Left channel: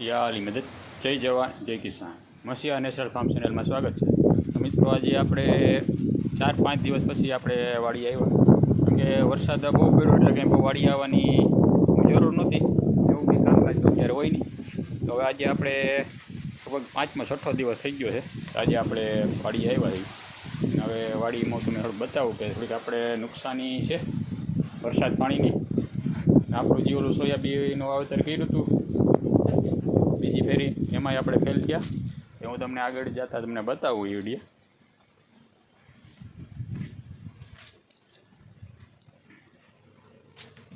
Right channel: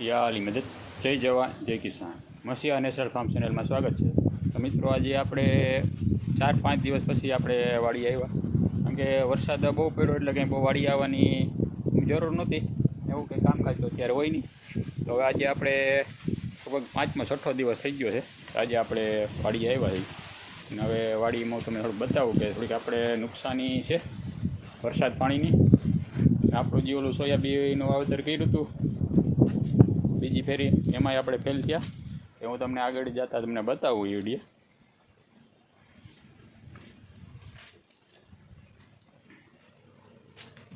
યાલી મદદ. જય જવાન, જય કિસાન. મસીહા નેશનલ ફાર્મ ચેનલમાં સ્વાગત છે. મિત્રો, આજે આપણે ચાર, પાંચ દિવસ પછી આપણે વાડી આવ્યા. કેમ કે વરસાદ બહુ પડ્યો એટલે કંઈ બહુ વાડી આવવાની જરૂર નહોતી. એવું કંઈ કામકાજ તો અત્યારે હોય નહીં. તો હવે આજે આપણે લગભગ પાંચમો, છઠ્ઠો દિવસ થઈ ગયો છે. આજે આપણે વાડી આવ્યા છીએ. હવે વાડીમાં તમે થોડુંક બતાવું કે થોડીક આપણે નુકસાની છે વરસાદ પાણીની. આપણું જે ઓલું સોયાબીનનું વાવેતર કર્યું હતું ફેરી, એમાંય આપણે ફેલ થયા. એ હું તમને આગળ જતા તમને બતાવું એ વીડિયો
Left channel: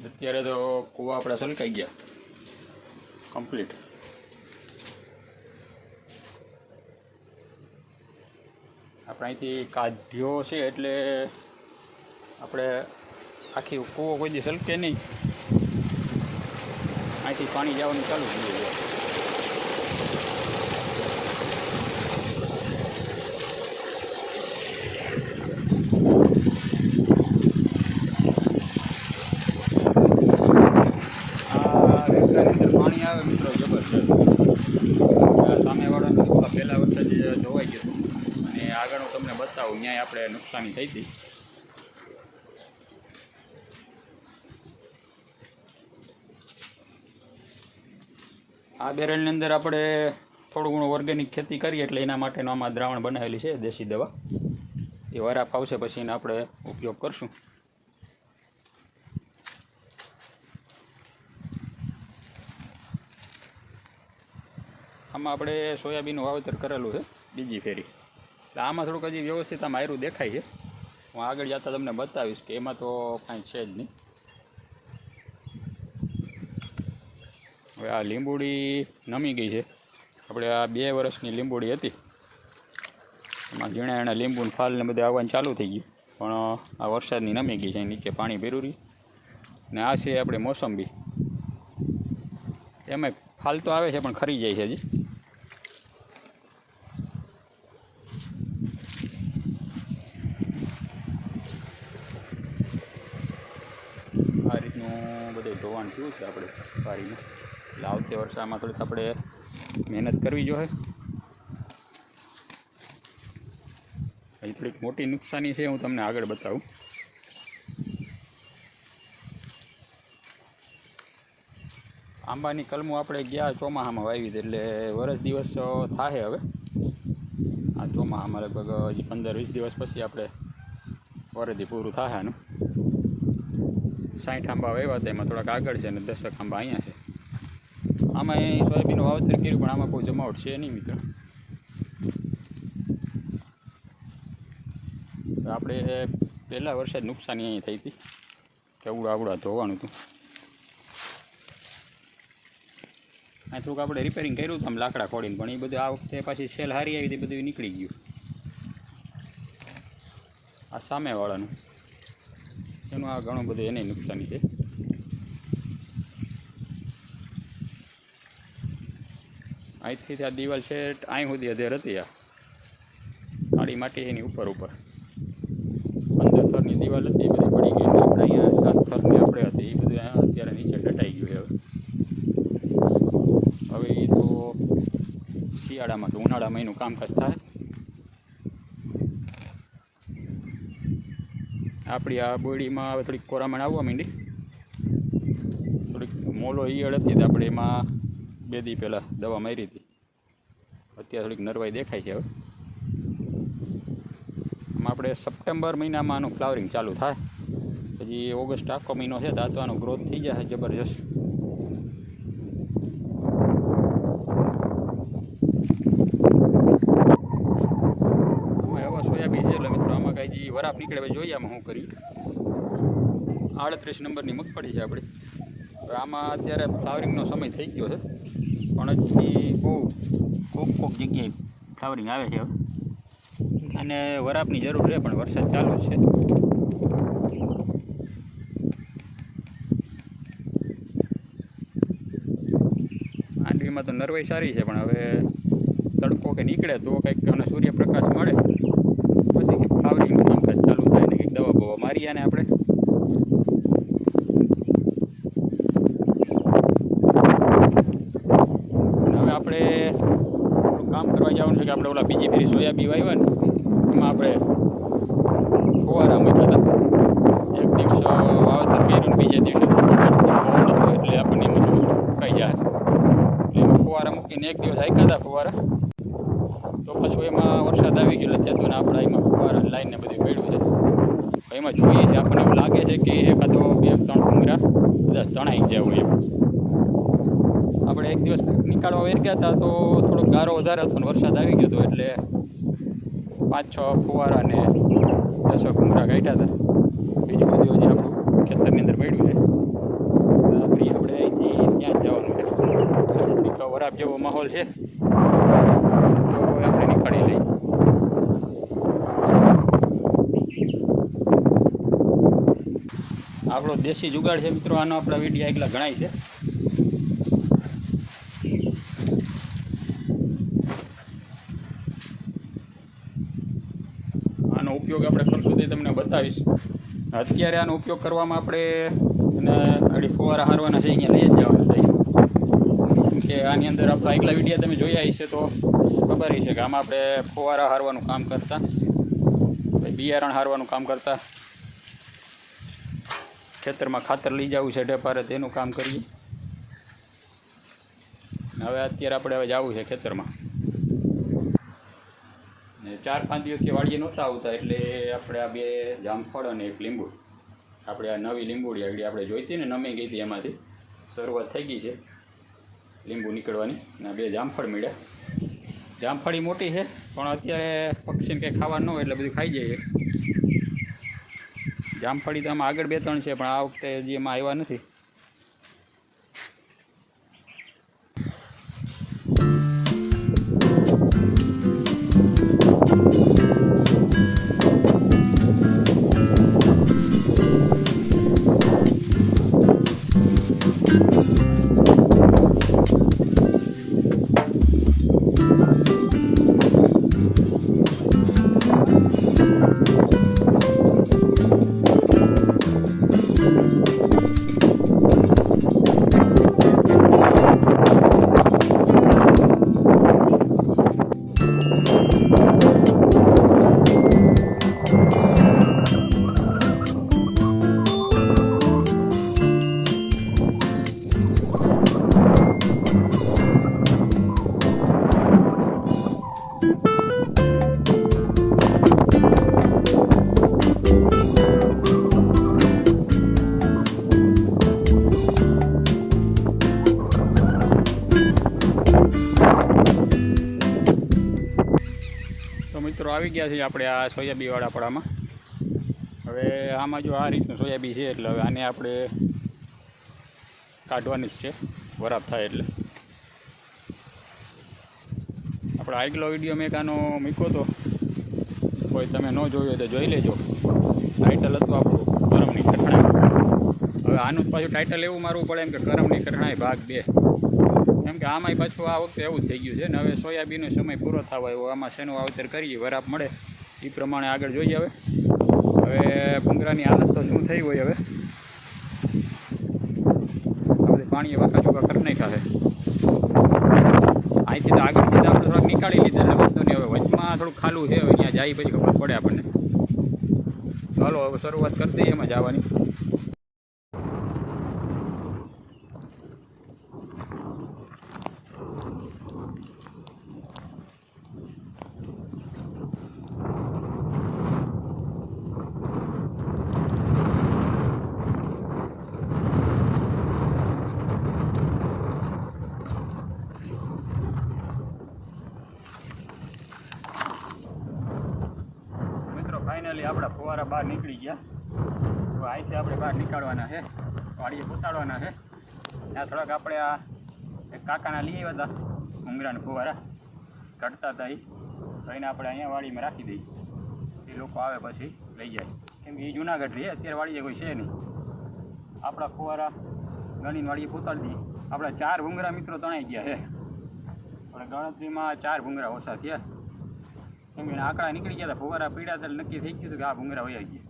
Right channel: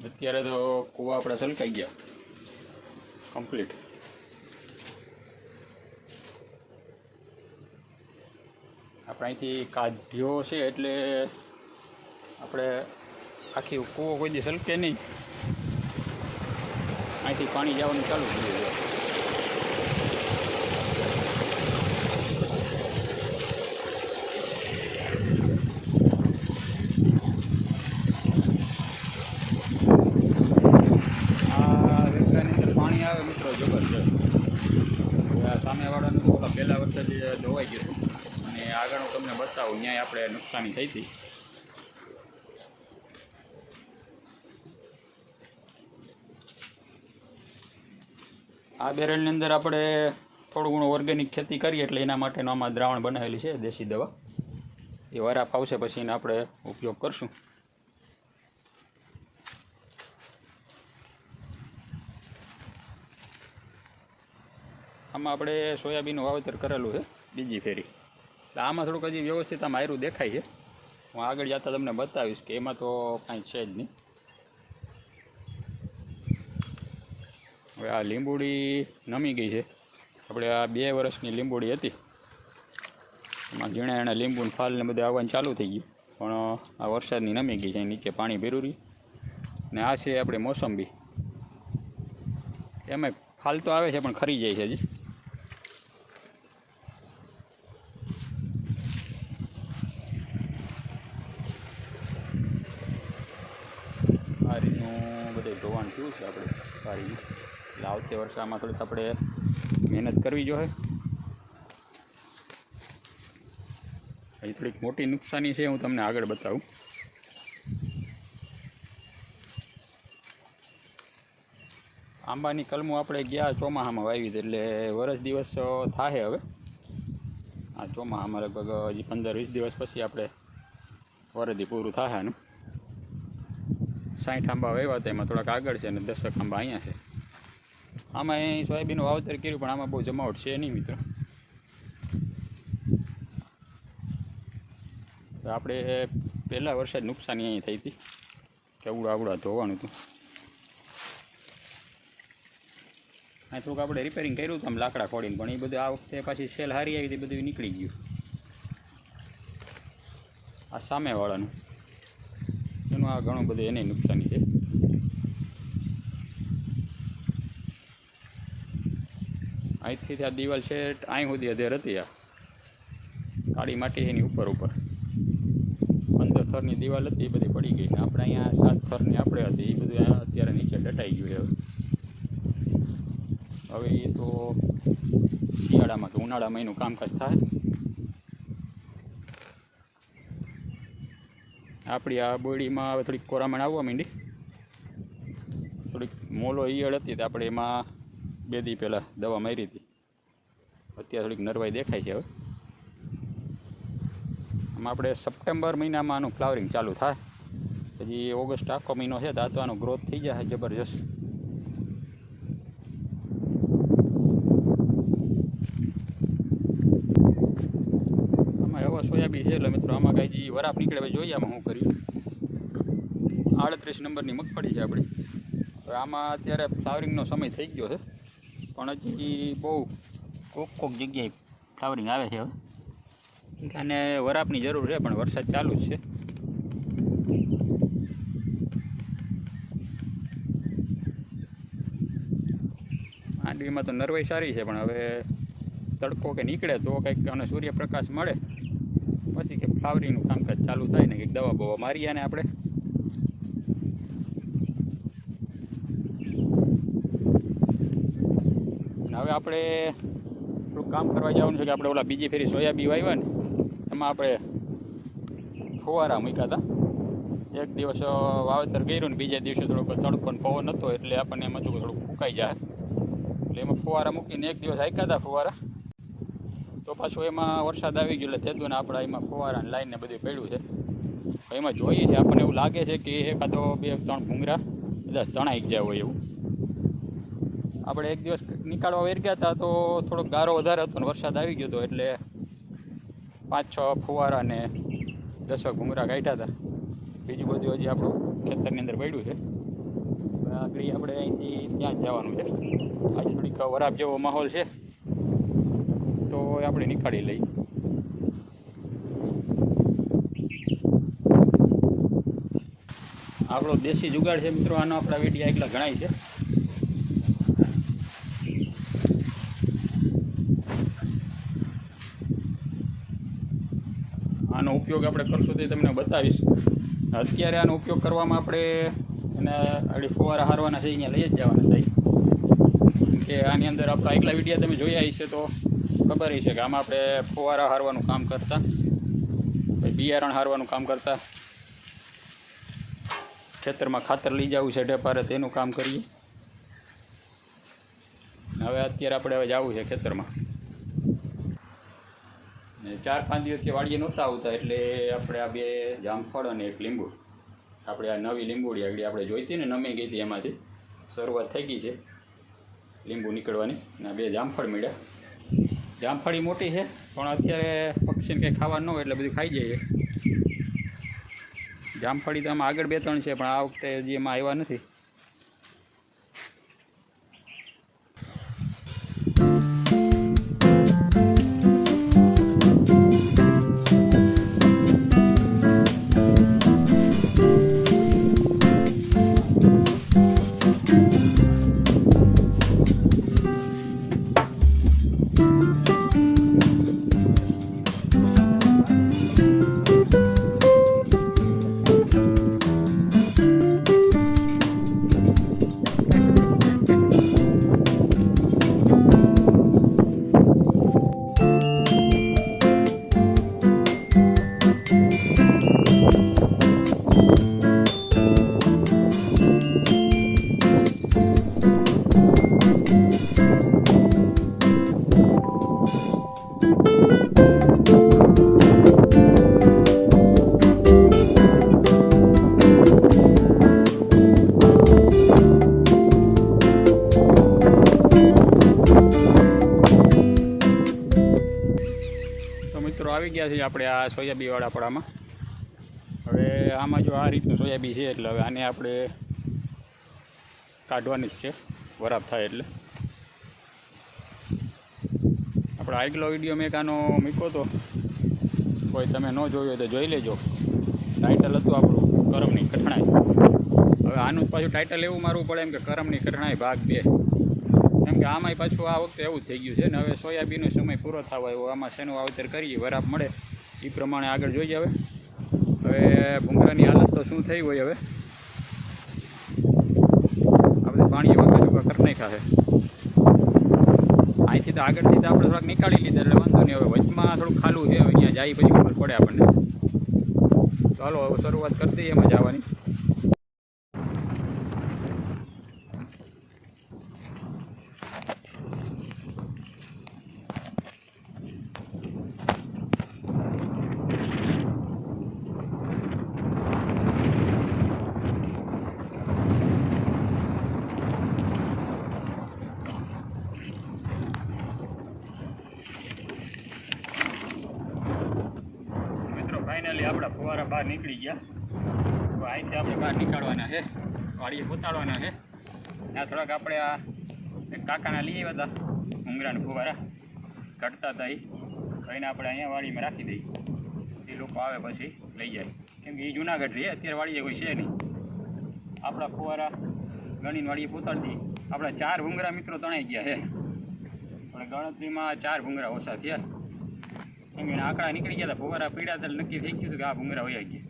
અત્યારે તો કૂવા આપણા સલકાઈ ગયા. કમ્પ્લીટ આપણે અહીંથી કાઢ્યો છે એટલે આપણે આખી કૂવો કોઈ દી સલકે નહીં. અહીંથી પાણી જવાનું ચાલુ થઈ ગયું છે આ રેખાની અંદર પાણી આવે મિત્રો જબરજસ્ત આ સામેવાળાનું થોડા પહેલા વર્ષે જ ધોવાઈ ગયું હતું અને આગળ હું તમને બતાવું ત્યાં આપણે નુકસાની થઈ હતી આ બેરલની અંદર આપણે થોડું ઘણું ઓર્ગેનિક ખેતી કરીએ એટલે એના માટેનું આમાં દ્રાવણ બનાવેલી છે, દેશી દવા. એ વરા ફાવશે પછી એનો આપણે ઉપયોગ કરશું. આમાં આપણે સોયાબીનનું વાવેતર કરેલું છે, બીજી ફેરી. એટલે આમાં થોડુંક હજી વ્યવસ્થિત આમ આયરું દેખાય છે. હું આગળ જતાં તમને બતાવીશ કે એમાં તો કાંઈ છે જ નહીં. હવે આ લીંબુડી નમી ગઈ છે. આપણે આ બે વર્ષની લીંબુડી હતી. એમાં ઝીણા એણે લીંબુને ફાલ ને બધું આવવાનું ચાલુ થઈ ગયું. પણ, આ વરસાદની નમી ગઈ છે. નીચે પાણી ભેરું ને આ છે આપણે મોસંબી. એમાં ફાલ તો આવે છે, પણ ખરી જાય છે હજી. આ રીતનું બધે ધોવાણ થયું છે આપણે વાડીનું એટલે આવતે વર્ષામાં થોડીક આપણે મહેનત કરવી જોઈએ. અહીં થોડીક મોટી નુકસાની છે, હું તમને આગળ બતાવું. આંબાની કલમો આપણે ગયા ચોમાસામાં વાવી એટલે વરસ દિવસ થાય હવે. આ ચોમાસામાં લગભગ હજી પંદર વીસ દિવસ પછી આપણે વરદી પૂરું થાય આનું. સાઠ આંબા વાવ્યા હતા એમાં થોડાક આગળ છે અને દસક આંબા અહીંયા છે. આમાં સોયાબીનનું વાવેતર કર્યું, પણ આમાં બહુ જમાવટ છે નહીં મિત્રો. આપણે પહેલાં વર્ષે નુકસાની અહીં થઈ હતી કેવડા આવડા ધોવાનું હતું. આ થોડુંક આપણે રિપેરિંગ કર્યું હતું, આમ લાકડા ખોડીને, પણ એ બધું આ વખતે પાછી સેલ હારી આવી હતી, બધું નીકળી ગયું. આ સામેવાળાનું. એનું આ ઘણું બધું એને નુકસાની છે. અહીંથી ત્યાં દિવાલ છે અહીં સુધી અધેર હતી આ. કાળી માટી એની ઉપર ઉપર. પંદર થરની દિવાલ હતી, એ બધી પડી ગઈ આપણે અહીંયા સાત થરની આપણે હતી, એ બધું અત્યારે નીચે ડટાઈ ગયું હવે. હવે એ તો શિયાળામાં કે ઉનાળામાં એનું કામકાજ થાય. આપણી આ બોડીમાં હવે થોડીક કોરામણ આવવા માંડી. થોડીક મોલો ઈયળ હતી તો આપણે એમાં બે દી પહેલાં દવા મારી હતી. અત્યારે થોડીક નરવાઈ દેખાય છે હવે. આમાં આપણે સપ્ટેમ્બર મહિનામાં આનું ફ્લાવરિંગ ચાલુ થાય. પછી ઓગસ્ટ આખો મહિનો છે આનો ગ્રોથ થઈ જશે, જબરજસ્ત આમાં એવા સોયાબીન છે એટલે મિત્રો વરાપ નીકળે ભાઈ જોઈએ આમાં શું કર્યું. આડત્રીસ નંબરની મગફળી છે આપણી. હવે આમાં અત્યારે ફ્લાવરિંગનો સમય થઈ ગયો છે. પણ હજી બહુ કોક કોક જગ્યાએ ફ્લાવરિંગ આવે છે હવે. અને વરાપની જરૂર છે, પણ વરસાદ ચાલુ છે. આંડવીમાં તો નરવાઈ સારી છે, પણ હવે તડકો કે નીકળે તો કંઈક અને સૂર્યપ્રકાશ મળે. પછી કે થાય દવા મારી આને આપણે. હવે આપણે કામ કરવા જવાનું છે કે આપણે ઓલા બીજી ફેરી સોયાબી વાવ્યા ને, એમાં આપણે ફુવારા મૂક્યા હતા. એક દિવસ વાવેતર કર્યું ને બીજા દિવસે પવન હતો એટલે આપણને એમ થોડું થોડું જાય એટલે એમાં ફુવારા મૂકીને એક દિવસ હાંક્યા હતા ફુવારા. તો પાછું એમાં વરસાદ આવી ગયો એટલે થતું ને આપણે એમાં ફુવારા લાઈને બધું પડ્યું છે. તો એમાં જોઈએ છે, આપણને એવું લાગે છે કે એકાદો બે, ત્રણ ભૂંગરા બધા તણાઈ ગયા હોય એવું આપણે એક દિવસ નીકાળવા વેર ગયા હતા તો થોડોક ગારો વધારે હતો ને વરસાદ આવી ગયો હતો એટલે પાંચ, છ ફુવારા ને દસ ભૂંગરા કાઢ્યા હતા. બીજું બધું હજી આપણું ખેતરની અંદર પડ્યું છે. આપણે અહીંથી ત્યાં જ જવાનું છે. વરાપ જેવો માહોલ છે. તો આપણે નીકાળી લઈએ. આપણો દેશી જુગાડ છે મિત્રો, આનો આપણા વિડીયા એટલા ગણાય છે. આનો ઉપયોગ આપણે કરશું તે તમને બતાવીશ. અત્યારે આનો ઉપયોગ કરવામાં આપણે, અને અડી ફુવારા હારવાના છે, અહીંયા લઈ જ જવાના છે. કે આની અંદર આપણા એકલા વિડીયા તમે જોયા હશે તો ખબર છે કે આમાં આપણે ફુવારા હારવાનું કામ કરતા બિયારણ હારવાનું કામ કરતા. ખેતરમાં ખાતર લઈ જવું છે ઢેપારે તેનું કામ કરીએ. હવે અત્યારે આપણે હવે જવું છે ખેતરમાં. ને ચાર પાંચ દિવસથી વાડીએ નહોતા આવતા એટલે આપણે આ બે જામફળ અને એક લીંબુ. આપણે આ નવી લીંબુડી આગળ આપણે જોઈતી ને નમી ગઈ હતી એમાંથી. શરૂઆત થઈ ગઈ છે લીંબુ નીકળવાની અને બે જામફળ મળ્યા. જામફળી મોટી છે, પણ અત્યારે પક્ષીને કંઈ ખાવાનું ન હોય એટલે બધું ખાઈ જાય જામફળી તો આમાં આગળ બે ત્રણ છે, પણ આ વખતે હજી એમાં આવ્યા નથી. તો ગયા આપણે આ સોયાબીવાળા પડામાં. હવે આમાં જો આ રીતનું સોયાબી છે, એટલે હવે આને આપણે કાઢવાની જ છે, વરાપ થાય એટલે. આપણે આગલો વીડિયો મેં કાનો મૂક્યો હતો કોઈ તમે ન જોયો તો જોઈ લેજો. ટાઇટલ હતું આપણું, કરમની કઠણાઈ. હવે આનું પાછું ટાઇટલ એવું મારવું પડે એમ કે કરમની કઠણાઈ ભાગ બે. કેમ કે આમાંય પાછું આ વખતે એવું થઈ ગયું છે ને હવે સોયાબીનનો સમય પૂરો થવા આવ્યો. આમાં શેનું વાવેતર કરીએ, વરાપ મળે, એ પ્રમાણે આગળ જોઈએ હવે. હવે ભૂંગરાની હાલત તો શું થઈ હોય હવે? આપણે પાણી વાંકા ચોકા કરી નાખ્યા છે. અહીંથી તો આગળથી આપણે થોડાક નીકાળી લીધા, એટલે વાંધો નહીં. હવે વચમાં થોડુંક ખાલું છે, હવે અહીંયા જાય પછી પડે આપણને. ચાલો, હવે શરૂઆત કરી દઈએ એમાં જવાની મિત્રો ફાઇનલી આપણા ફુવારા બહાર નીકળી ગયા તો અહીંથી આપણે બહાર નીકાળવાના છે વાડીએ પોતાડવાના છે. ત્યાં થોડાક આપણે આ એક કાકાના લઈ આવ્યા હતા ઉંગરાના ફુવારા. ઘટતા હતા એ તો એને આપણે અહીંયા વાડીમાં રાખી દઈએ. એ લોકો આવે પછી લઈ જાય. કેમ કે એ જુનાગઢ રહીએ અત્યારે વાડીએ કોઈ છે નહીં. આપણા ફુવારા ગણીને વાડીએ પોતાડી દઈએ. આપણા ચાર ભૂંગરા મિત્રો તણાઈ ગયા છે. આપણે ગણતરીમાં ચાર ભૂંગરા ઓછા થયા. કેમ કે આંકડા નીકળી ગયા હતા. ફુવારા પીડા નક્કી થઈ ગયું હતું કે આ ભૂંગરા વયા ગયા.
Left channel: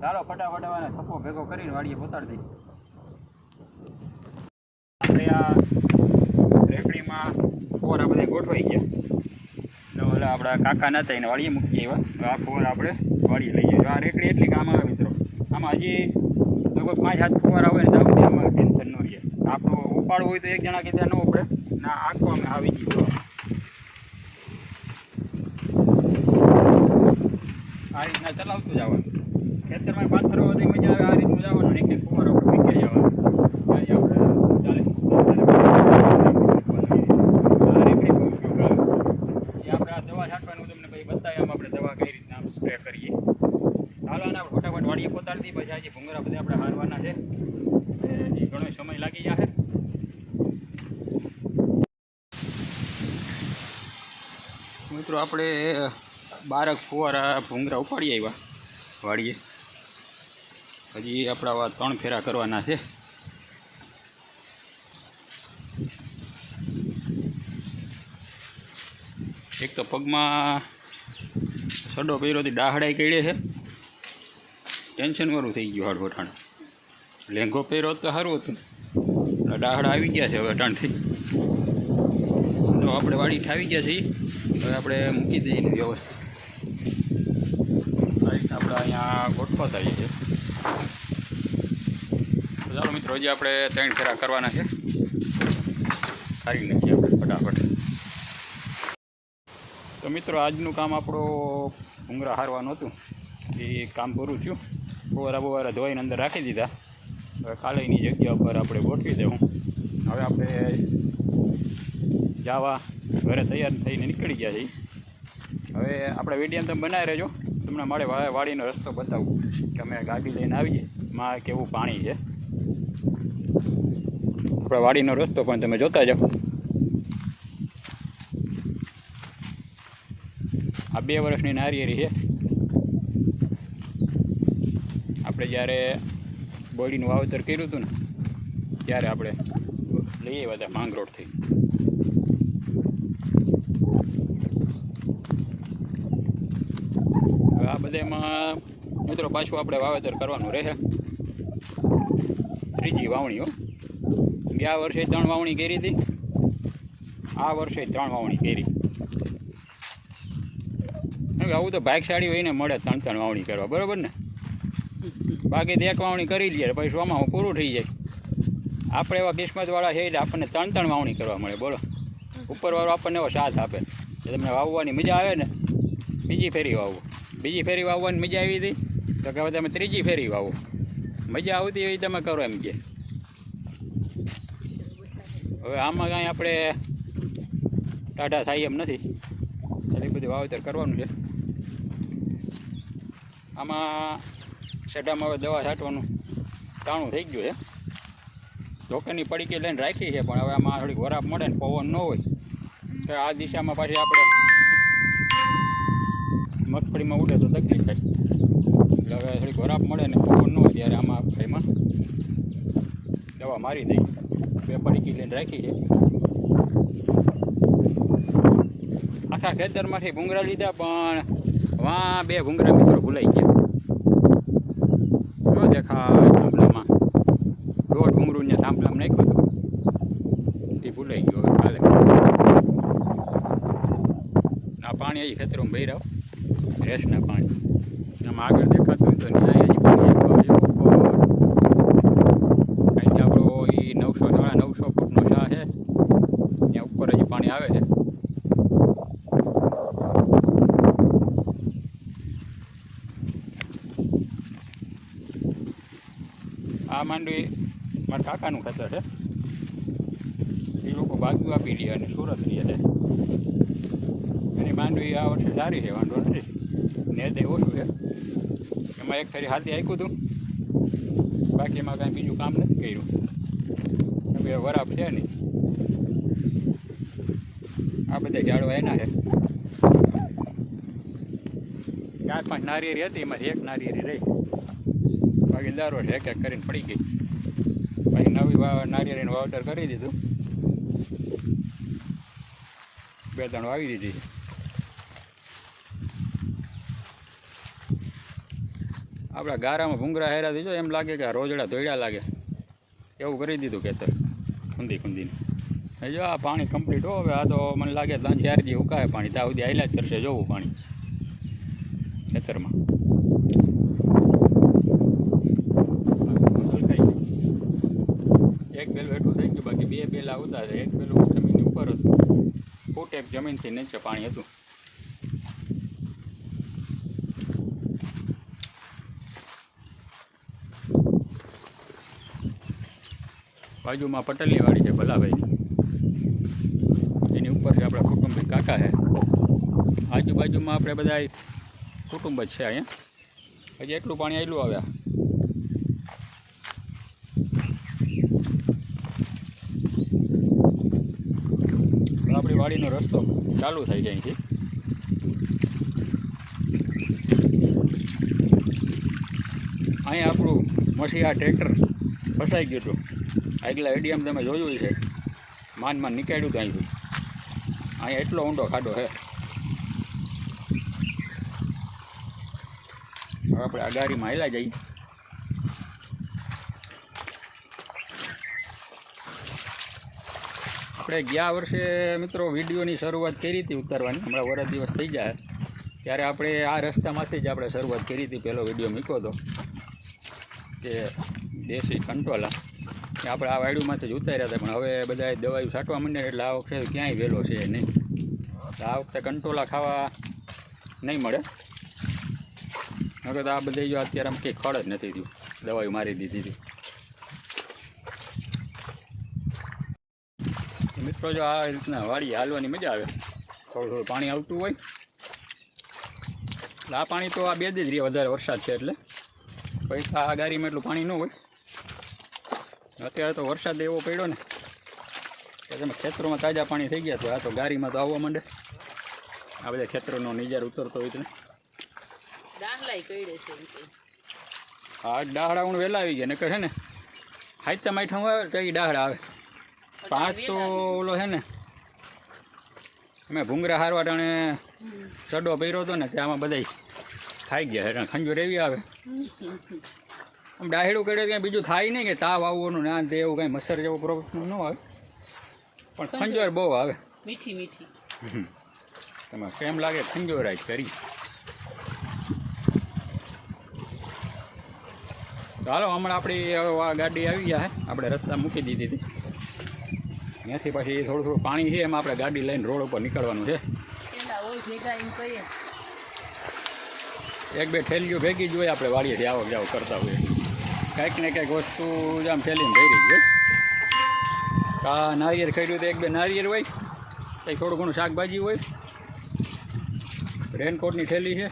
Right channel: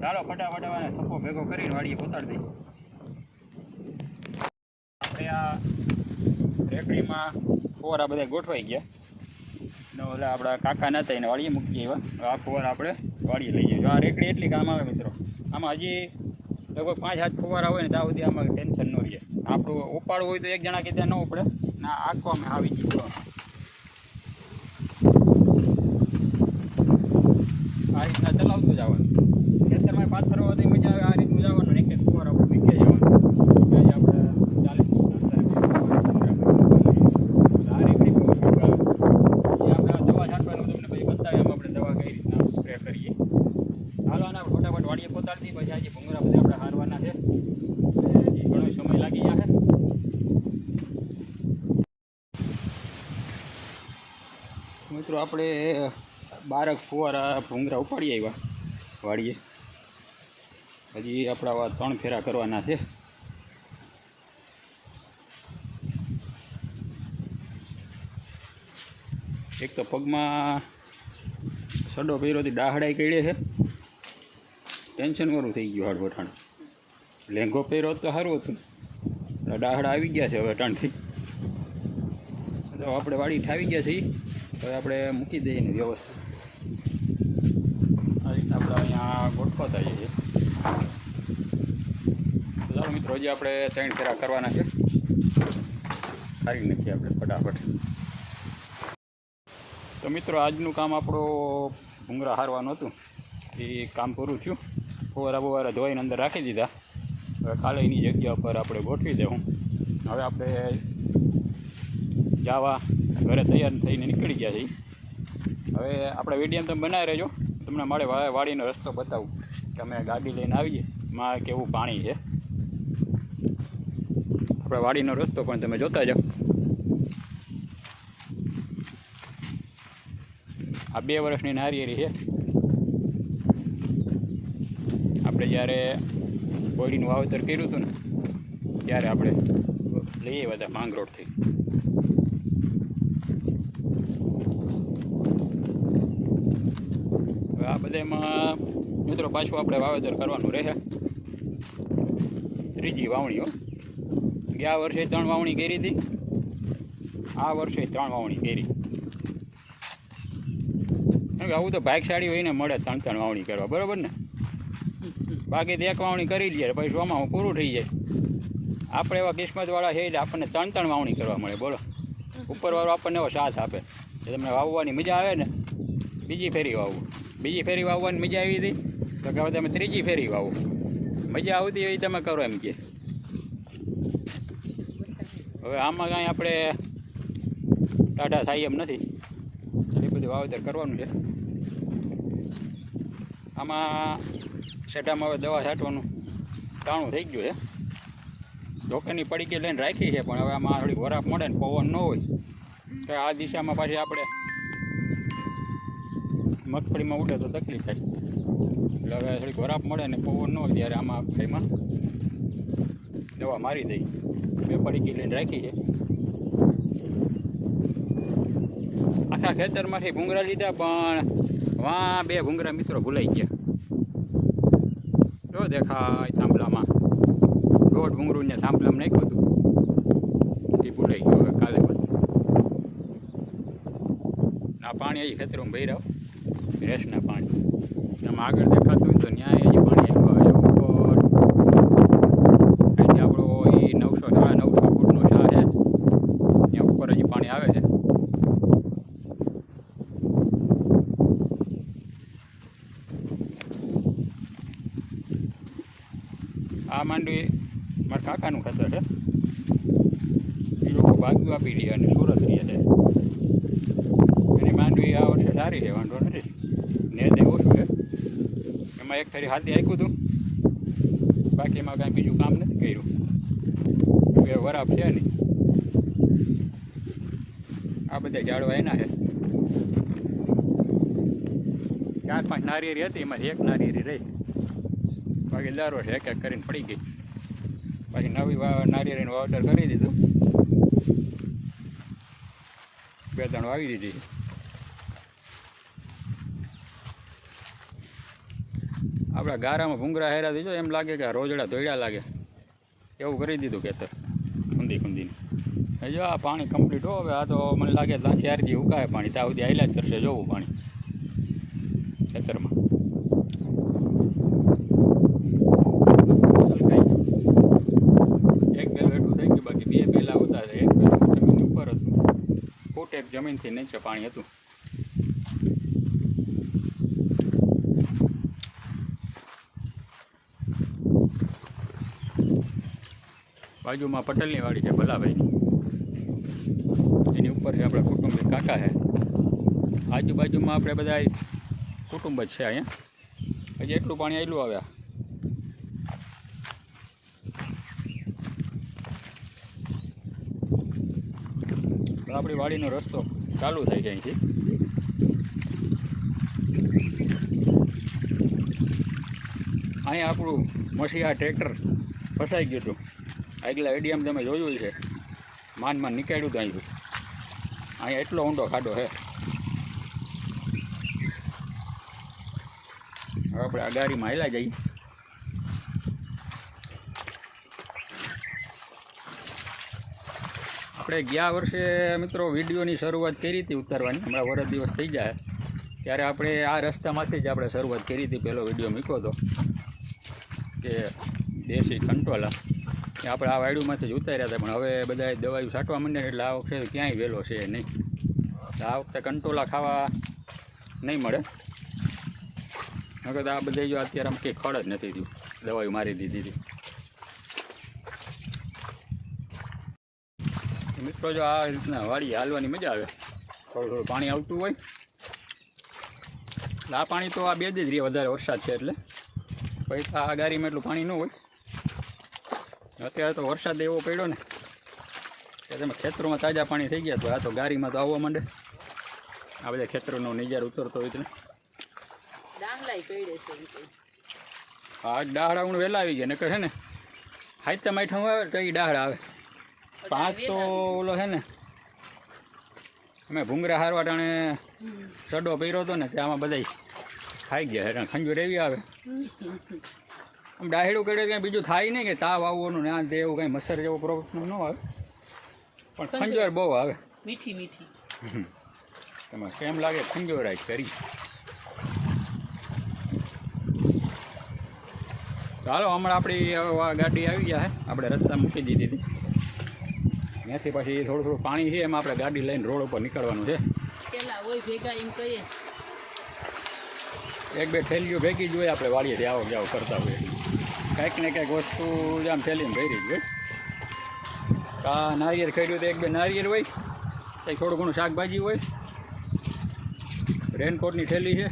ચાલો ફટાફટ આને થપ્પો ભેગો કરીને વાડીએ પોતાડી દઈએ. આપણે આ રેકડીમાં આ બધા ગોઠવાઈ ગયા. ને ઓલા આપણા કાકા નતા એને વાળીએ મૂકી આવ્યા. હવે આ ફુવારા આપણે વાળીએ લઈ જઈએ આ રેકડી એટલી કામ આવે મિત્રો, આમાં હજી લગભગ પાંચ હાથ ફુવારા હોય ને ત્યાં સુધી આમાં ટેન્શન ન રહે. આપણું ઉપાડવું હોય તો એક જણા કે ત્યાં ન ઉપડે. ના આખો આવી ગયું. આ રીતના ચલાવતું જવાનું ખેતરમાં પાથરો હતી મજા આવે, આ રીતનું જવાનું એક એક ફોર આપણે વીખે જવાનું આપણે દવા છાંટવાનું તમને પછી બતાવીએ, આમ આપણે દવા કઈ રીતના સ્પ્રે કરીએ. હાલો, આને આપણે ફટાફટ પછી આજે ભૂંગરા બધા આપણે હારવાના છે, એ ઘણો સમય લાગી જશે મિત્રો, આપણે બારક ફુવારા ભૂંગરા ઉપાડી આવ્યા. વાડીએ. હજી આપણા ત્રણ ફેરા કરવાના છે. એક તો પગમાં સડો પહેરોથી ડાહડાઈ કઈડે છે. ટેન્શન વાળું થઈ ગયું હાડ વઠાણ લેંઘો પહેરો તો સારું હતું. ડાહડા આવી ગયા છે હવે અટાણથી. તો આપણે વાડી ઠાવી ગયા છીએ. હવે આપણે મૂકી દઈએ વ્યવસ્થિત રીતના આપણે અહીંયા ગોઠવાતા છીએ. છે ચાલો મિત્રો, હજી આપણે ત્રણ ફેરા કરવાના છે. કાઢી નાખીએ આપણે ફટાફટ. તો મિત્રો, આજનું કામ આપણો ભૂંગરા હારવાનું હતું. એ કામ પૂરું થયું. બોરા બોવારા ધોઈને અંદર રાખી દીધા. હવે કાલેની જગ્યા ઉપર આપણે ગોઠવી દેવું. હવે આપણે જાવા ઘરે તૈયાર થઈને નીકળી ગયા છીએ. હવે આપણે વીડિયો તમે બનાવી રહેજો. તમને મારે વાડીનો રસ્તો બતાવું કે અમે ગાડી લઈને આવીએ. માં કેવું પાણી છે? આપણે વાડીનો રસ્તો પણ તમે જોતા જાઓ. આ બે વર્ષની નારિયેરી છે. આપણે જ્યારે બોડીનું વાવેતર કર્યું હતું ને, ત્યારે આપણે લઈ આવ્યા હતા માંગરોળથી. આ બધામાં મિત્રો, પાછું આપણે વાવેતર કરવાનું રહે. ત્રીજી વાવણી, હો. ગયા વર્ષે ત્રણ વાવણી કરી હતી. આ વર્ષે ત્રણ વાવણી કરી. કારણ કે આવું તો ભાગશાળી હોય ને, મળે ત્રણ ત્રણ વાવણી કરવા. બરાબર ને? બાકી એક વાવણી કરી લઈએ, પછી હું પૂરું થઈ જાય. આપણે એવા કિસ્મતવાળા છે એટલે આપણને ત્રણ ત્રણ વાવણી કરવા મળે, બોલો. ઉપરવાળો આપણને એવો સાથ આપે. જે તમને વાવવાની મજા આવે ને, બીજી ફેરી વાવવું બીજી ફેરી વાવવાની મજા આવી હતી? તો કે તમે ત્રીજી ફેરી વાવો. મજા આવતી એવી તમે કરો એમ કે. હવે આમાં કાંઈ આપણે ટાટા થાય એમ નથી. એટલે બધું વાવેતર કરવાનું છે. આમાં સેટામાં હવે દવા છાંટવાનું ટાણું થઈ ગયું છે. ધોકાની પડીકી લઈને રાખી છે, પણ હવે આમાં થોડીક વરાપ મળે ને પવન ન હોય. તો આ દિશામાં પાછી આપણે મગફળીમાં ઉડે તો તકલીફ થાય. એટલે હવે થોડીક વરાપ મળે ને પવન ન હોય ત્યારે આમાં ફાઈમાં દવા મારી દઈ. બે પડીકી લઈને રાખી છે આખા ખેતરમાંથી ભૂંગળા લીધા, પણ વા બે ભૂંગરા મિત્રો ભૂલાઈ ગયા. જો દેખાય થાંભલામાં દોઢ ભૂંગળું ને થાંભલામાં નાખ્યું હતું. એ ભૂલાઈ ગયું કાલે. આ પાણી અહીં ખેતરોમાં ભર્યા રેસના પાણી. આમ આગળ દેખાતું હોય તો ન્યાય હજી પાણી એ નવસો નવસો ફૂટનો શાહ છે. ત્યાં ઉપર હજી પાણી આવે છે. આ માંડવી મારા કાકાનું ખેતર છે. એ લોકો બાજુ આપી દે અને સુરત રહ્યા છે. એની માંડવી આ વર્ષે સારી છે, વાંધો નથી. એમાં એક ફેરી હાથી આપ્યું હતું. બાકી એમાં કાંઈ બીજું કામ નથી કર્યું. બે વરાપ છે નહીં આ બધા ઝાડવા એના છે. ચાર પાંચ નારિયેરી હતી એમાંથી એક નારિયેરી રહી. બાકી દર વર્ષે એક એક કરીને પડી ગઈ. પછી નવી નારિયેળીનું વાવતર કરી દીધું. બે ત્રણ વાવી દીધી આપણા ગારામાં ભૂંગરા હેરા દીજો એમ લાગે કે રોજડા ધોયડા લાગે. એવું કરી દીધું ખેતર, ખૂંદી ખૂંદીને. જો આ પાણી કમ્પ્લીટ હો, હવે આ તો મને લાગે ત્યાં દી ઉકાય પાણી ત્યાં સુધી આયલા જ કરશે, જોવું પાણી. ખેતરમાં. એક બેલ વેઠું થઈ ગયું, બાકી બે બેલા આવતા એક બેલ જમીનની ઉપર હતું. ફૂટ એક જમીનથી નીચે પાણી હતું. બાજુમાં પટેલની વાડી છે, ભલાભાઈની. એની ઉપર છે આપણા કુટુંબી કાકા છે. આજુબાજુમાં આપણે બધા કુટુંબ જ છે અહીંયા. હજી એટલું પાણી આવેલું આવ્યા આપણી વાડીનો રસ્તો ચાલુ થઈ જાય છે. અહીંયા આપણું મસીહા ટ્રેક્ટર ફસાઈ ગયું હતું. આગલા એડીએમ તમે જોયું છે માન માન નીકળ્યું તો અહીંથી. અહીંયા એટલો ઊંડો ખાડો છે. હવે આપણે આ ગાડીમાં હેલા જઈએ. આપણે ગયા વર્ષે મિત્રો વિડીયોની શરૂઆત કરી હતી ઉતારવાની. હમણાં વરસ દિવસ થઈ જાય ત્યારે આપણે આ રસ્તામાંથી જ આપણે શરૂઆત કરી હતી. પહેલો વીડિયો મૂક્યો હતો. કે દેશી કંટોલા. આપણે આ વાયડુમાંથી જ ઉતાર્યા હતા, પણ હવે બધા દવાઈ છાંટવા માંડ્યા એટલે આ વખતે ક્યાંય વહેલો છે નહીં. આ વખતે કંટોલા ખાવા નહીં મળે. નકર આ બધે જો અત્યારે આમ કંઈ ખડ જ નથી થયું. દવાઈઓ મારી દીધી હતી. મિત્રો જો આ રીતના વાડી હાલવાની મજા આવે. થોડું થોડું પાણી આવતું હોય. એટલે આ પાણી તો આ બે જ રહે, વધારે વરસાદ છે એટલે. પૈસા આ ગાડીમાં એટલું પાણી ન હોય. અત્યારે તો વરસાદ એવો પડ્યો ને કે તમે ખેતરોમાં તાજા પાણી થઈ ગયા તો આ તો ગાડીમાં તો આવવા માંડે. આ બધા ખેતરોનો નિજાર ઉતરતો હોય તને હા ડાહડા હું વહેલા આવી ગયા નકર છે ને હાઈતા માઠા આવે તો એ ડાહડા આવે. પાંચ તો ઓલો છે ને અમે ભૂંગરા હારવા ટાણે ચડો પહેર્યો હતો ને ત્યાંમાં બધા ખાઈ ગયા એટલે ખંજુર એવી આવે. આમ ડાહેડું કરે કંઈ બીજું થાય નહીં કે તાવ આવવાનું ને તે એવું કાંઈ મચ્છર જેવો પ્રોબ્લેમ ન આવે. પણ ખંજોર બહુ આવે. મીઠી મીઠી. તમે કેમ લાગે ખંજોરાય કરી ચાલો હમણાં આપણી ગાડી આવી ગયા છે આપણે રસ્તા મૂકી દીધી હતી. ત્યાંથી પછી થોડું થોડું પાણી છે એમાં આપણે ગાડી લઈને રોડ ઉપર નીકળવાનું છે. એક બે થેલીઓ ભેગી જોઈએ આપણે વાડીએથી આવક જાવ કરતા હોઈએ. કાંઈક ને કાંઈક વસ્તુ આમ ફેલીને ભરી જ હોય આ નારિયેળ ખરીદ્યું તો એક બે નારિયેળ હોય કંઈક થોડું ઘણું શાકભાજી હોય. રેનકોટની થેલી છે.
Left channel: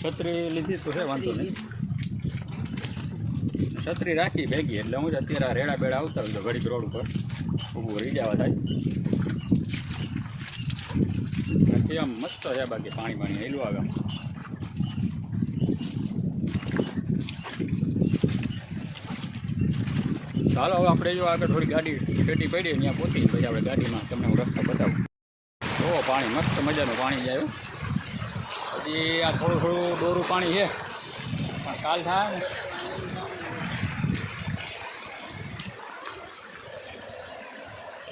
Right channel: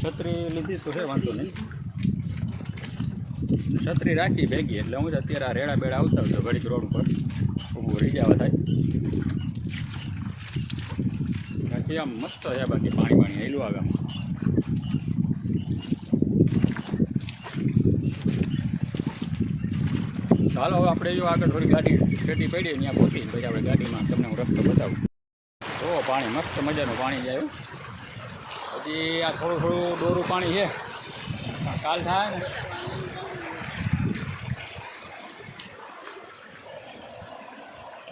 છત્રી લીધી તો છે, વાંધો નહીં. છત્રી રાખી ભેગી, એટલે હું જ અત્યારે આ રેડા બેડા આવતા હોય તો ઘડીક રોડ ઉપર ઊભું રહી જવા થાય. બાકી આમ મસ્ત છે, બાકી પાણી પાણી હેલું આવે. ચાલો હવે આપણે જો આગળ થોડી ગાડી છેટી પડી ત્યાં પહોંચી પછી આપણે ગાડીમાં તમને હું રસ્તો બતાવું. જોવો પાણી મસ્ત મજાનું પાણી જાય પછી હજી આ થોડું થોડું ડોરું પાણી છે પણ કાલ થાય ને.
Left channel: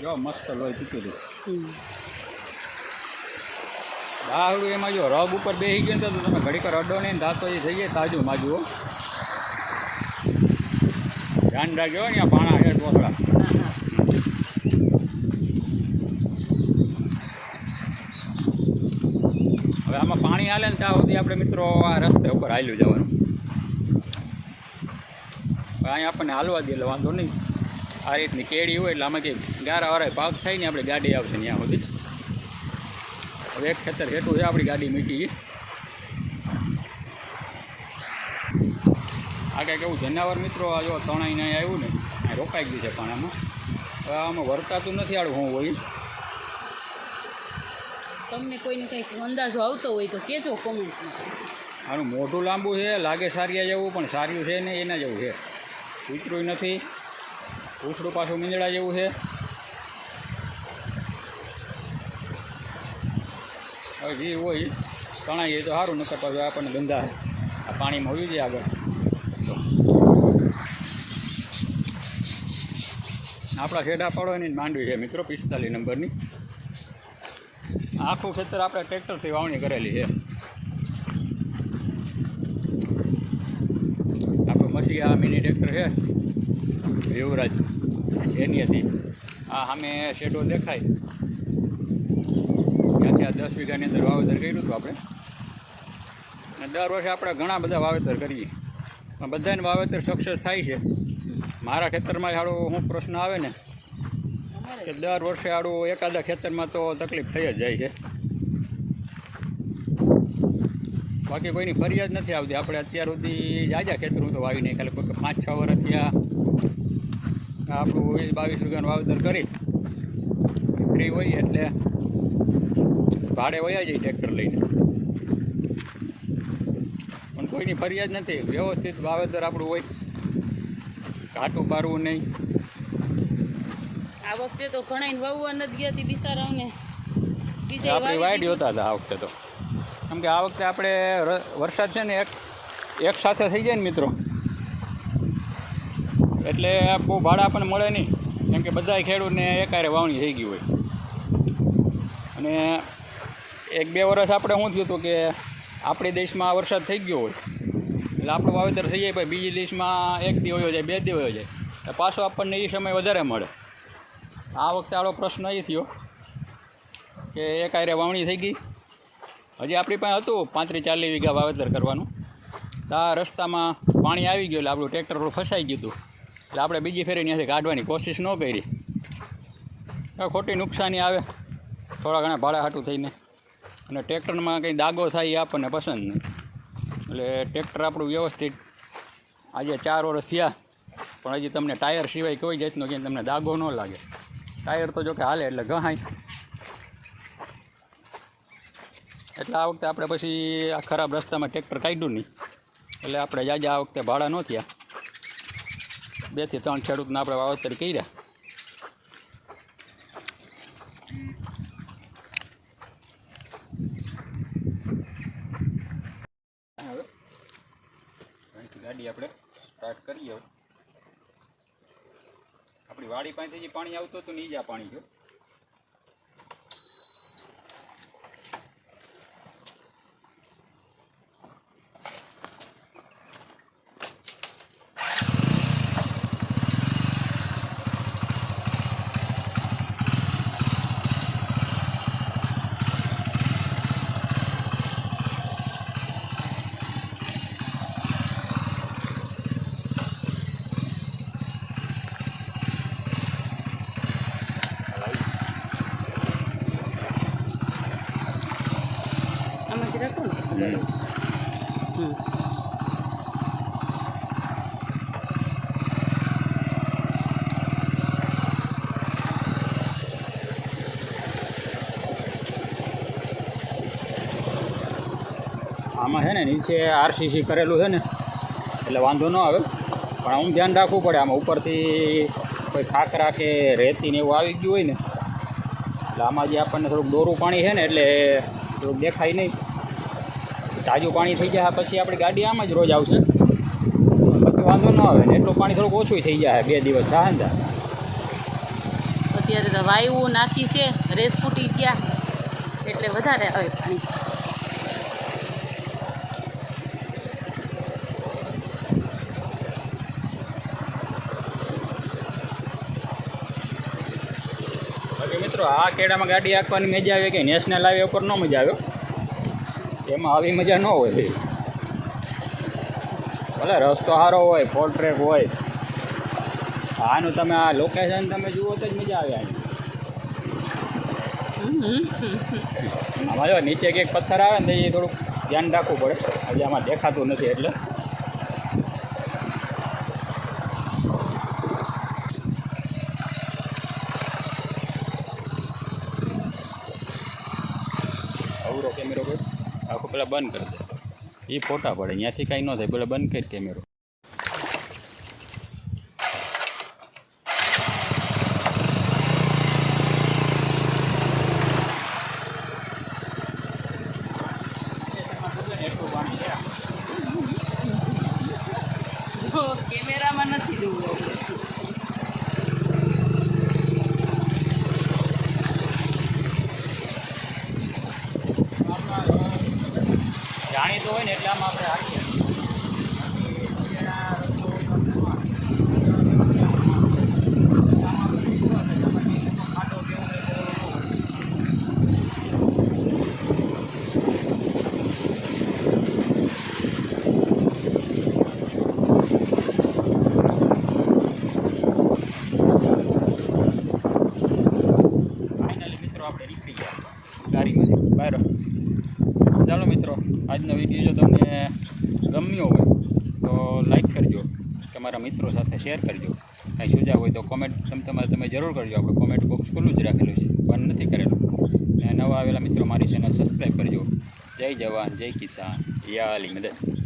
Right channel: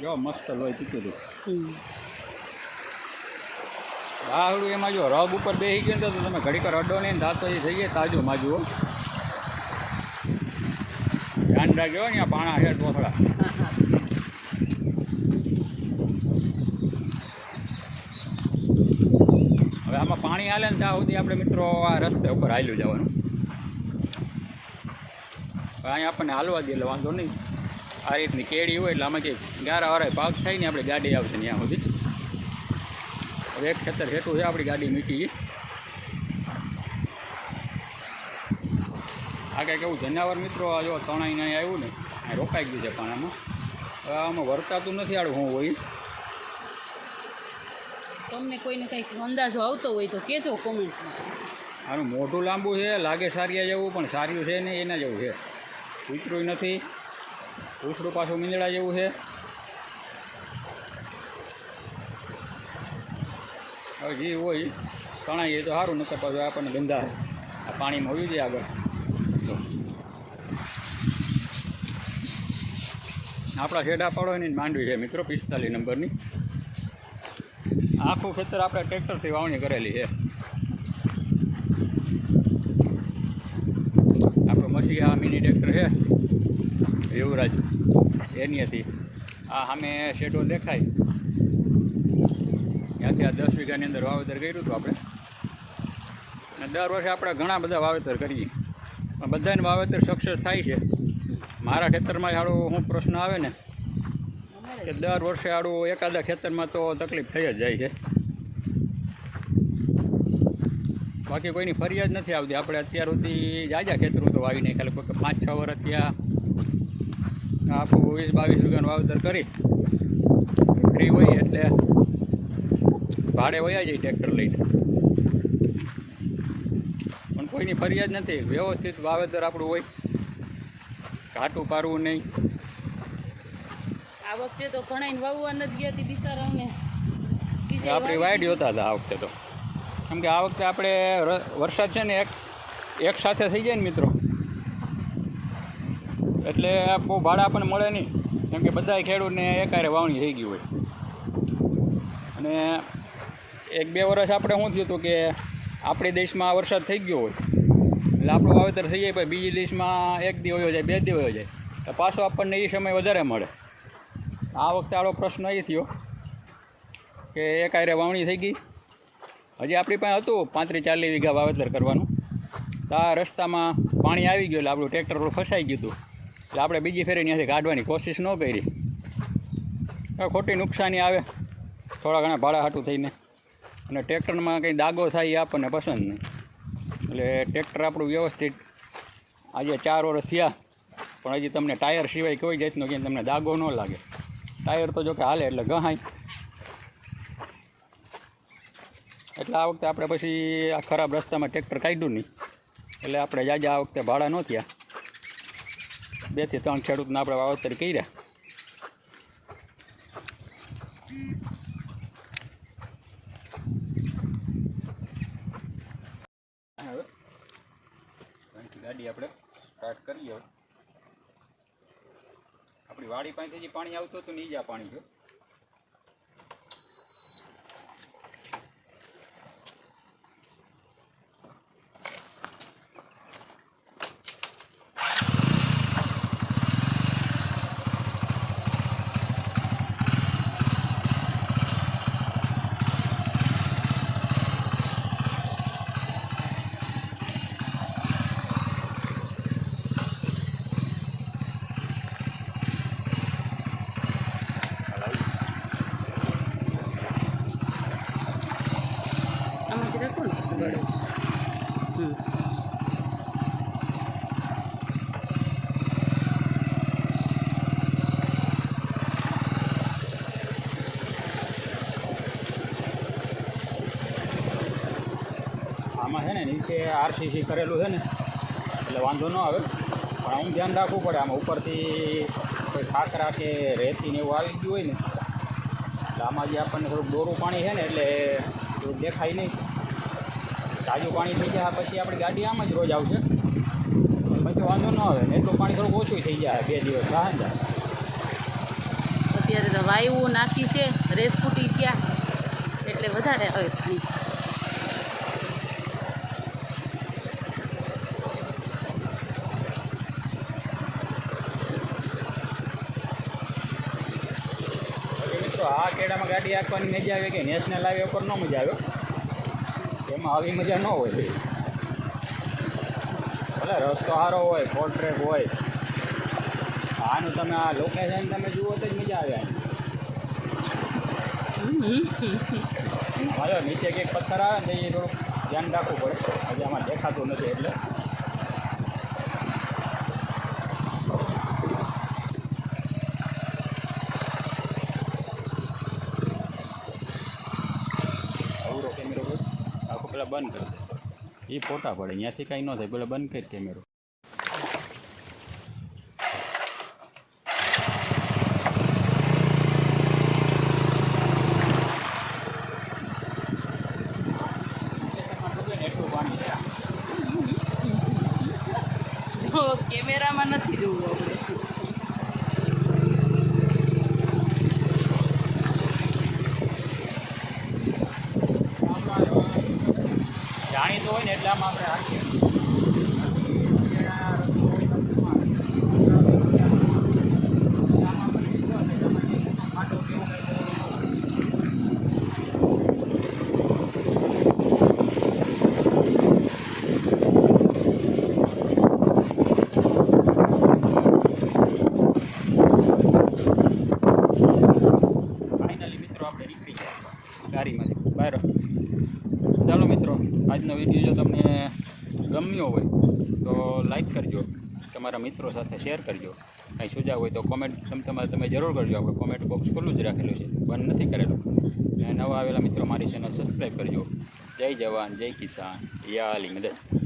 જો મસ્ત લોહી પીતું હતું. દાહડું એમાં જો રબ ઉપર બેસી ગયું તો તમે ઘડીકર અડો નહીં દાંતો એ થઈ જાય તાજું માજું હો. જો ને પાણા છે ટોસડા હવે આમાં પાણી હાલે ને ત્યાં સુધી આપણે મિત્રો આ રસ્તે ઉપર હાલ્યું જવાનું. અહીંયા આપણને હાલવા દે એટલે વાંધો નહીં. આ રીતની કેડી હોય એટલે આમાં કે ગારા વાળા પાક થાય ને, આપણે ગાડી આવશે ત્યાં સુધી. હવે એક ખેતર હેઠું છે, આપણી ગાડી મૂકી આ કંઈક એવું જનાવર મિત્રો આ જો તણાઈને અહીં આવ્યું ને અહીં રોકાઈ ગયું છે પાણામાં. હવે આમાં વર્તાતું નથી આડું હું હોય. તમને કોઈને કંઈક અંદાજો આવતો હોય તો કહેજો કોમેન્ટમાં. આનું મોઢું લાંબુ છે લાગે સારિયા જેવું પણ સારિયું છે ને એના જેવું છે. કૂતરું નથી. પૂછડું પાછું મીંદડા જેવું છે. હવે જે હોય તણાઈ તો સારું નકર પાછું આપણને ગંદા આ પાણીમાં હોયું જાય આગળ. આપણા શેડા પાડવાની માંડવી છે મિત્રો, પિસ્તાલીસ નંબરની. આખું ખેતર આપણે ટ્રેક્ટરથી વાવણી કરેલી છે. આપણે મસી આ મિની ટ્રેક્ટર છે. યુવરાજ એની હતી આ સામે શેડો દેખાય. ત્યાંથી આ દસ વીઘાની અંદર વાવેતર કર્યું હતું આપણે. દર વર્ષે આપણે ઘણા બધા વાવેતર કરીએ. બધાને વાવેતર સક્સેસ થાય છે. મારા ખેતરમાં આડો શું પ્રશ્ન આવે ને, કે દર વર્ષે આડું એકાદા ખેતરમાં તો તકલીફ થઈ જ જાય છે. બાકી કોઈની ફરિયાદ નથી આવતી. આપણે અત્યાર સુધી જાજા ખેતરું તો વાવી નહીં ખાલી પાંચ છ વર્ષ ત્યાં આપણું વીસ બાવીસ વીઘાનું વાવેતર કરી. ફ્રી હોય એટલે ભાડે વયા જાય ટ્રેક્ટર લઈને. કોઈની ફરિયાદ નથી. વ્યવસ્થિત વાવેતર આપણું હોય. કાટું પારવું નહીં. આ વખતે તો ઘણા વાવવા નથી ગયા હતી બિચારાઓને આપણી વાઈડ હોતા હતા આ વખતે તો. કેમ કે આ વખતે આપણે વરસાદ છે ને એક એક સાથે થઈ જાય ને મિત્રો. એટલે બહુ ભાડા પણ મળે નહીં. કેમ કે બધા ખેડૂતને એકારે વાવણી થઈ ગઈ હોય. અને એક બે વર્ષ આપણે શું થયું હતું કે આપણી દેશમાં વરસાદ થઈ ગયો હોય. એટલે આપણું વાવેતર થઈ જાય પછી બીજી દેશમાં એક દી હોય જાય, બે દી હોય જાય. તો પાછો આપણને એ સમય વધારે મળે. આ વખતે આડો પ્રશ્ન એ થયો કે એક આયરે વાવણી થઈ ગઈ. હજી આપણી પાસે હતું પાંત્રીસ ચાલીસ વીઘા વાવેતર કરવાનું. તો આ રસ્તામાં પાણી આવી ગયું એટલે આપણું ટ્રેક્ટર ફસાઈ ગયું હતું. એટલે આપણે બીજી ફેરી ત્યાંથી કાઢવાની કોશિશ ન કરી. ખોટી નુકસાની આવે. થોડા ઘણા ભાડા હાટું થઈને. અને ટ્રેક્ટરમાં કંઈ દાગો થાય એ આપણને પસંદ નહીં. એટલે ટ્રેક્ટર આપણું વ્યવસ્થિત આજે ચાર વર્ષ થયા, પણ હજી તમને ટાયર સિવાય કોઈ જાતનો કે તમને દાગો ન લાગે. ટાયર તો જો કે હાલે એટલે ગહાય. એટલે આ વખતે આપણે પછી આ ખરાબ રસ્તામાં ટ્રેક્ટર કાઢ્યું નહીં. એટલે આપણે જાજા આ વખતે ભાડા ન થયા. બેથી ત્રણ ખેડૂતને આપણે વાવતર કર્યા હવે અહીંથી ગાડી આપણે સ્ટાર્ટ કરીએ હવે વાડી પાસેથી જે પાણી આવતું હતું ને એ જ આ પાણી છે આમાંથી રાખો ને હમ. આમાં છે ને નીચે આરસીસી કરેલું છે ને, એટલે વાંધો ન આવે. પણ આમ ધ્યાન રાખવું પડે, આમાં ઉપરથી કોઈ ખાકરા કે રેતી ને એવું આવી ગયું હોય ને, એટલે આમાં જે આપણને થોડુંક દોરું પાણી છે ને, એટલે થોડુંક દેખાય નહીં. તાજું પાણી થઈ જાય પછી આપણી ગાડી આમ જ રોજ આવશે. વાંધો ન આવે, ને એટલું પાણી થોડુંક ઓછું થઈ જાય બે દિવસ થાય ને અત્યારે તો વાયુ નાખી છે, રેસ ફૂટી ગયા, એટલે વધારે આવે પાણી બાકી કેળામાં ગાડી આંકવાની મજા આવે કે નેશનલ હાઈવે ઉપર ન મજા આવે? એમાં આવી મજા ન હોય. ભલે રસ્તો સારો હોય ફોર ટ્રેક હોય. આનું તમે આ લોકેશન તમે જુઓ તો જ મજા આવે આની. નીચે કંઈક પથ્થર આવે ને તો એ થોડુંક ધ્યાન રાખવું પડે. હજી આમાં દેખાતું નથી એટલે અવરો કેમેરો કોઈ આખો પેલા બંધ કરી દે. એ ફોટા પડે. અહીંયાથી કાંઈ ન થાય. પેલા બંધ કરી કેમેરો એટલું પાણી છે જો કેમેરામાં નથી જોવું આપણે જાણીતો હોય ને એટલે આમાં આપણે હાકીએ ફાઇનલી મિત્રો આપણે નીકળી ગયા ગાડીમાંથી બહાર ચાલો મિત્રો આજનો વીડિયો જો તમને ગમ્યો હોય તો લાઈક કરજો તમારા મિત્રો સાથે શેર કરજો. કાંઈ સુઝાવ હોય તો કોમેન્ટ તમે તમારે, તમે જરૂર કરજો. આપણે કોમેન્ટ બોક્સ ખુલ્લું જ રાખેલું છે. બંધ નથી કરેલું. અને નવા આવેલા મિત્રો મારી ચેનલ સબસ્ક્રાઈબ કરજો. જય જવાન, જય કિસાન. યા અલી મદદ.